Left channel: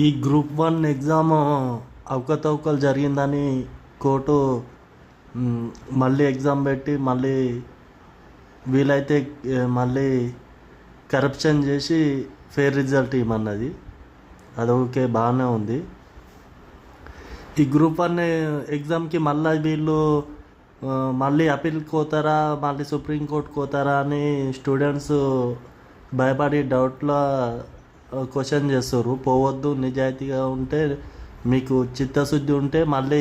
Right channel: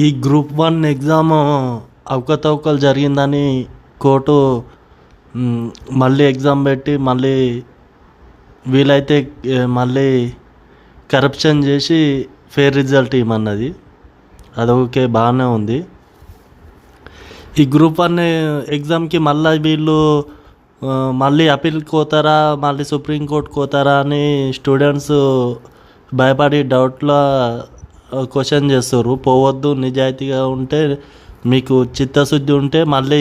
ఈ group 1 exam అవకతవకలు జరిగిందని కోర్టు హ్మ్, మళ్ళీ ఎగ్జామ్ పెట్టి మళ్ళీ వీలైతే మళ్ళీ కరప్షన్ చేసి ఫెయిర్ రిజల్ట్ ఇవ్వమన్నది. అది ఓకే, బాగానే ఉంది. ఈ గ్రూప్ 1 ఎగ్జామ్కి మళ్ళీ వీళ్ళు మళ్ళీ అప్పీల్కి పోతారా, మళ్ళీ సుప్రీంకోర్టుకి పోతారా అని స్టూడెంట్స్ భయపడి డౌట్లో క్వశ్చన్ చేస్తారు. పోవద్దు, నిజాయితీగా ఉంటే మీకు చిత్తశుద్ధి ఉంటే మళ్ళీ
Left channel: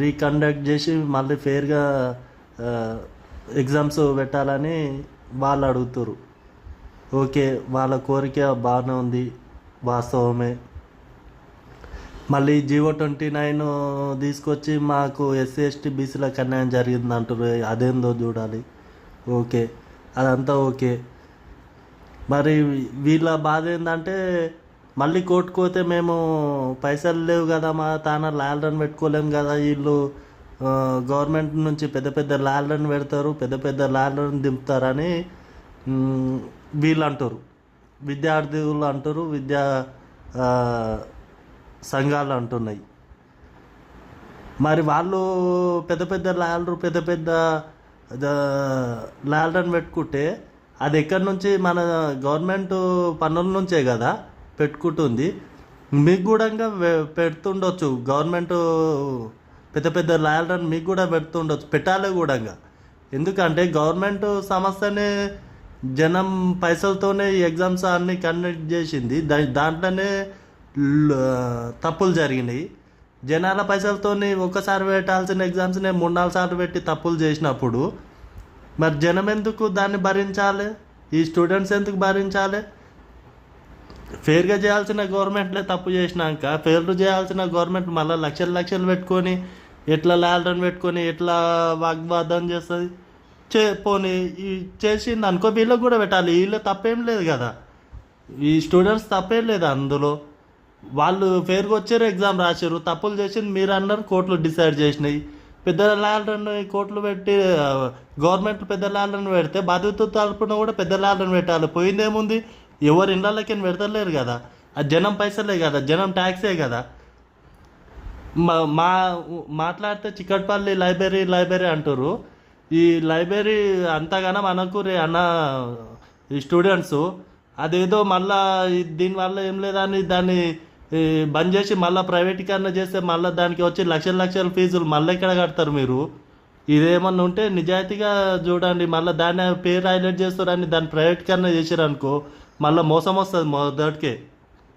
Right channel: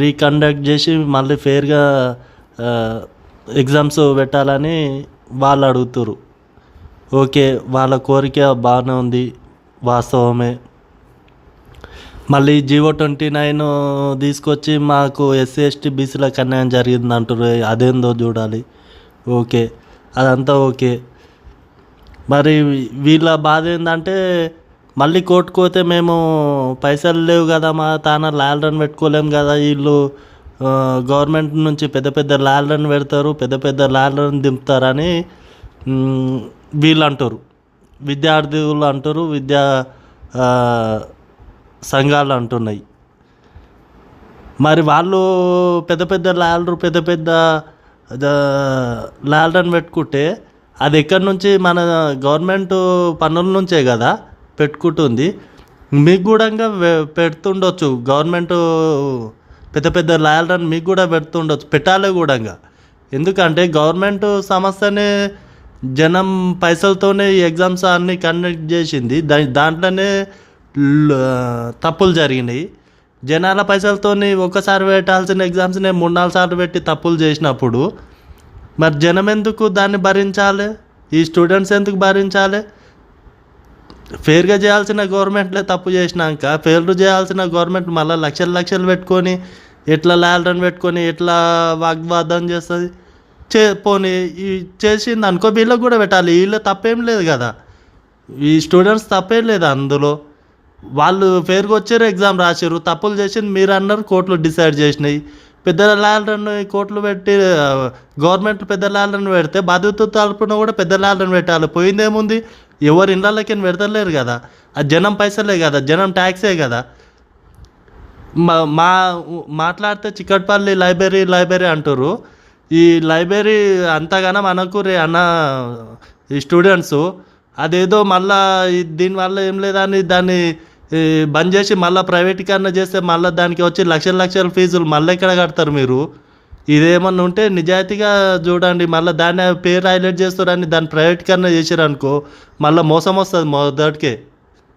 రీకండక్ట్ చేసి మళ్ళీ ఫెయిర్గా ఎగ్జామ్స్ పెట్టాలని వాళ్ళు అడుగుతారు. ఓకే, వాళ్ళ కోరిక బాగానే ఉంది, వాస్తవమే. మళ్ళీ జీవో 29 తీసుకొచ్చి మాకు ఎస్సీ ఎస్టీ బీసీలకు అన్యాయం జరిగింది అంటారు. అదేందో చూడాలి. ఓకే, అదంతా ఓకే. మరి వీళ్ళ బాధ ఏంటంటే మళ్ళీ కోర్టుకు పోతే మేము పైసలు లేవు కదా, మా తాన ల్యాల్డన్ పెట్టుకోలేము కదా, వీళ్ళు గవర్నమెంట్ నుంచి పెద్ద పెద్ద ల్యాల్డన్ పెడతారు, పెద్ద పెద్ద ల్యాల్డన్ దింపుతారని వీళ్ళు అంటారు, విద్యార్థులు అంటారు, విద్యా సంఘాలు అంటున్నాయి. మరి వాళ్ళు పెద్ద పెద్ద ల్యాల్డర్ పెద్ద పెద్ద ల్యాల్డన్ పెట్టుకుంటే అది ఎక్కడి నుంచి, మన గవర్నమెంట్ పన్నుల నుంచే కదా పెట్టుకుంటుంది. మీకు కూడా పెడుతుండొచ్చు, గవర్నమెంట్ పెద్ద పెద్ద ల్యాల్డన్ మీకు కూడా పెడుతుండొచ్చు, పెట్టాలి కూడా. ఎందుకంటే గవర్నమెంట్ సంస్థనే జనం పైసలతోనే ఈ ఎగ్జామ్స్ అన్నీ కండక్ట్ చేసింది. దాంట్లోనే తప్పులు జరిగినాయి. జనాల పైసలతోని ఒక్కసారి పెట్టాల్సిన ఎగ్జామ్స్నే 3-4 సార్లు పెట్టి తప్పులు చేసినప్పుడు మరి జనం ఎందుకు దాన్ని భరించాలి? ఈ స్టూడెంట్స్ ఎందుకు భరించాలి? ఫెయిర్గా చేయాల్సిన గవర్నమెంట్లే తప్పు చేసినాక ఫెయిర్ చేయాల్సిన గవర్నమెంట్ మళ్ళీ లక్షలు లక్షలు పెట్టుకొని ఎట్లా ల్యాల్డన్ పెట్టుకొని ఎట్లా వాగ్వాదం చేస్తుంది? పోనీ చేసింది అనుకో, వీళ్ళకి కూడా పెట్టాలి. వీళ్ళు తప్పేం లేదు కదా, ఈ స్టూడెంట్స్ తప్పేం లేదు అందులో. వాళ్ళు ఫెయిర్గా వచ్చారు, ఎగ్జామ్ రాశారు, తప్పులు చేసింది మీరు అన్నారు, కోర్టులు డిసైడ్ చేసినాయి. పెద్ద ల్యాల్డన్ కోర్టులు పెట్టి గవర్నమెంట్ పెద్ద ల్యాల్డన్ పెడితే బాధ్యత తరపున కూడా పెద్ద ల్యాల్డన్ పెట్టాలి. పోయిందేముంది? ఎవరు ఇళ్ళకి పెడతలేరు కదా, అది జనం పైసలే కదా, జనం ట్యాక్సే కదా. మాట్లాడితే చిక్కట్పల్లి లైబ్రరీ అంటారు. ఈ లైబ్రరీ అంతగానో మనకు అన్న ఈ స్టూడెంట్స్ అదేదో మళ్ళా దీనివల్ల ఏం లేదని దాన్ని బంద్ చేసి మళ్ళీ ప్రైవేటీకరణ చేస్తే మళ్ళీ దానికి వచ్చి లక్షల లక్షల ఫీజులు మళ్ళీ ఎక్కడ కడతారు మీరు? ఇదేమన్నా ఉంటే నిజాయితీగా చూడండి. మళ్ళీ దాన్ని పేరు హైలైట్ చేస్తారని దాన్ని ప్రైవేటీకరణ చేసారనుకో మళ్ళీ మోసం వస్తుంది మొదటికే.